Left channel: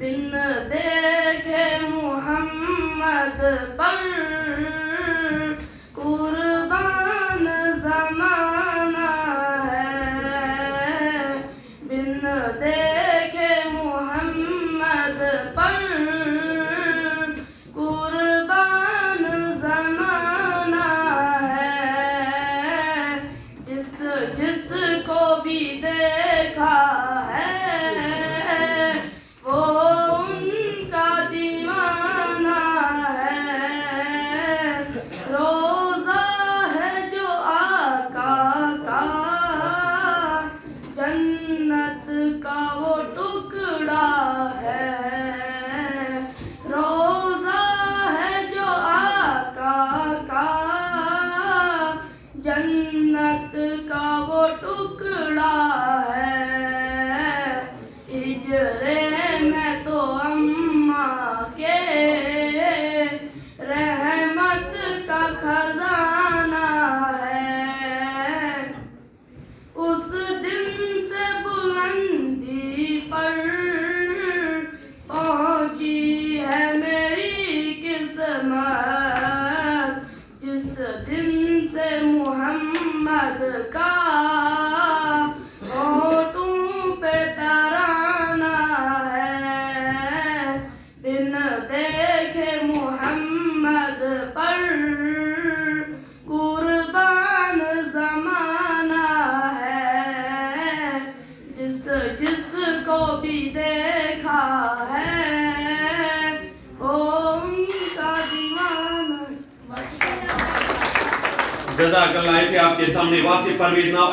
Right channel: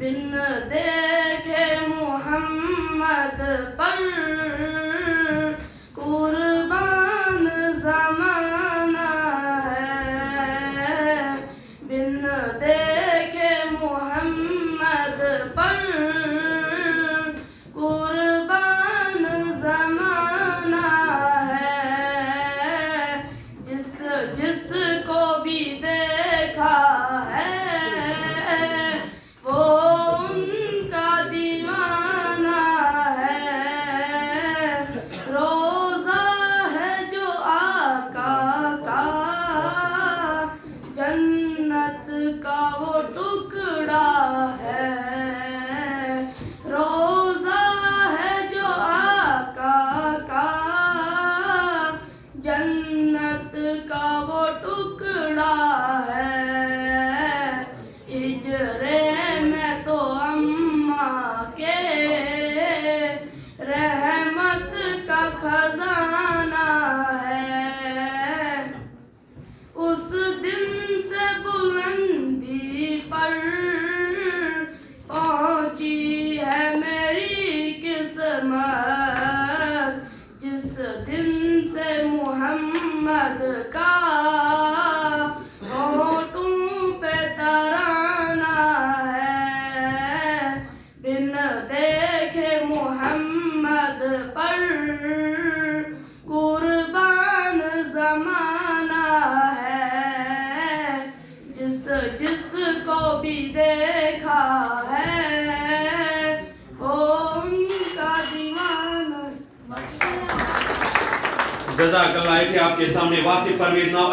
بن دیکھے محمد پر قربان زمانہ ہے، بن دیکھے محمد پر قربان زمانہ ہے، جس جس کو بھی دیکھا ہے وہ ان کا دیوانہ ہے، روزہ ہے جو آقا کا جنت کا وہ ٹکڑا ہے، روزہ ہے جو آقا کا جنت کا وہ ٹکڑا ہے، ہجرے میں تو اماں کے رحمت کا خزانہ ہے، اس دن سے بلندی پر پہنچی ہے میری قسمت، جس دن سے محمد کا ہونٹوں پہ ترانہ ہے، بن دیکھے محمد پر قربان زمانہ ہے، جس جس کو بھی دیکھا ہے وہ ان کا دیوانہ۔ جزاک اللہ۔ یہ تھے آپ کے سامنے واصف پرویز ناؤ۔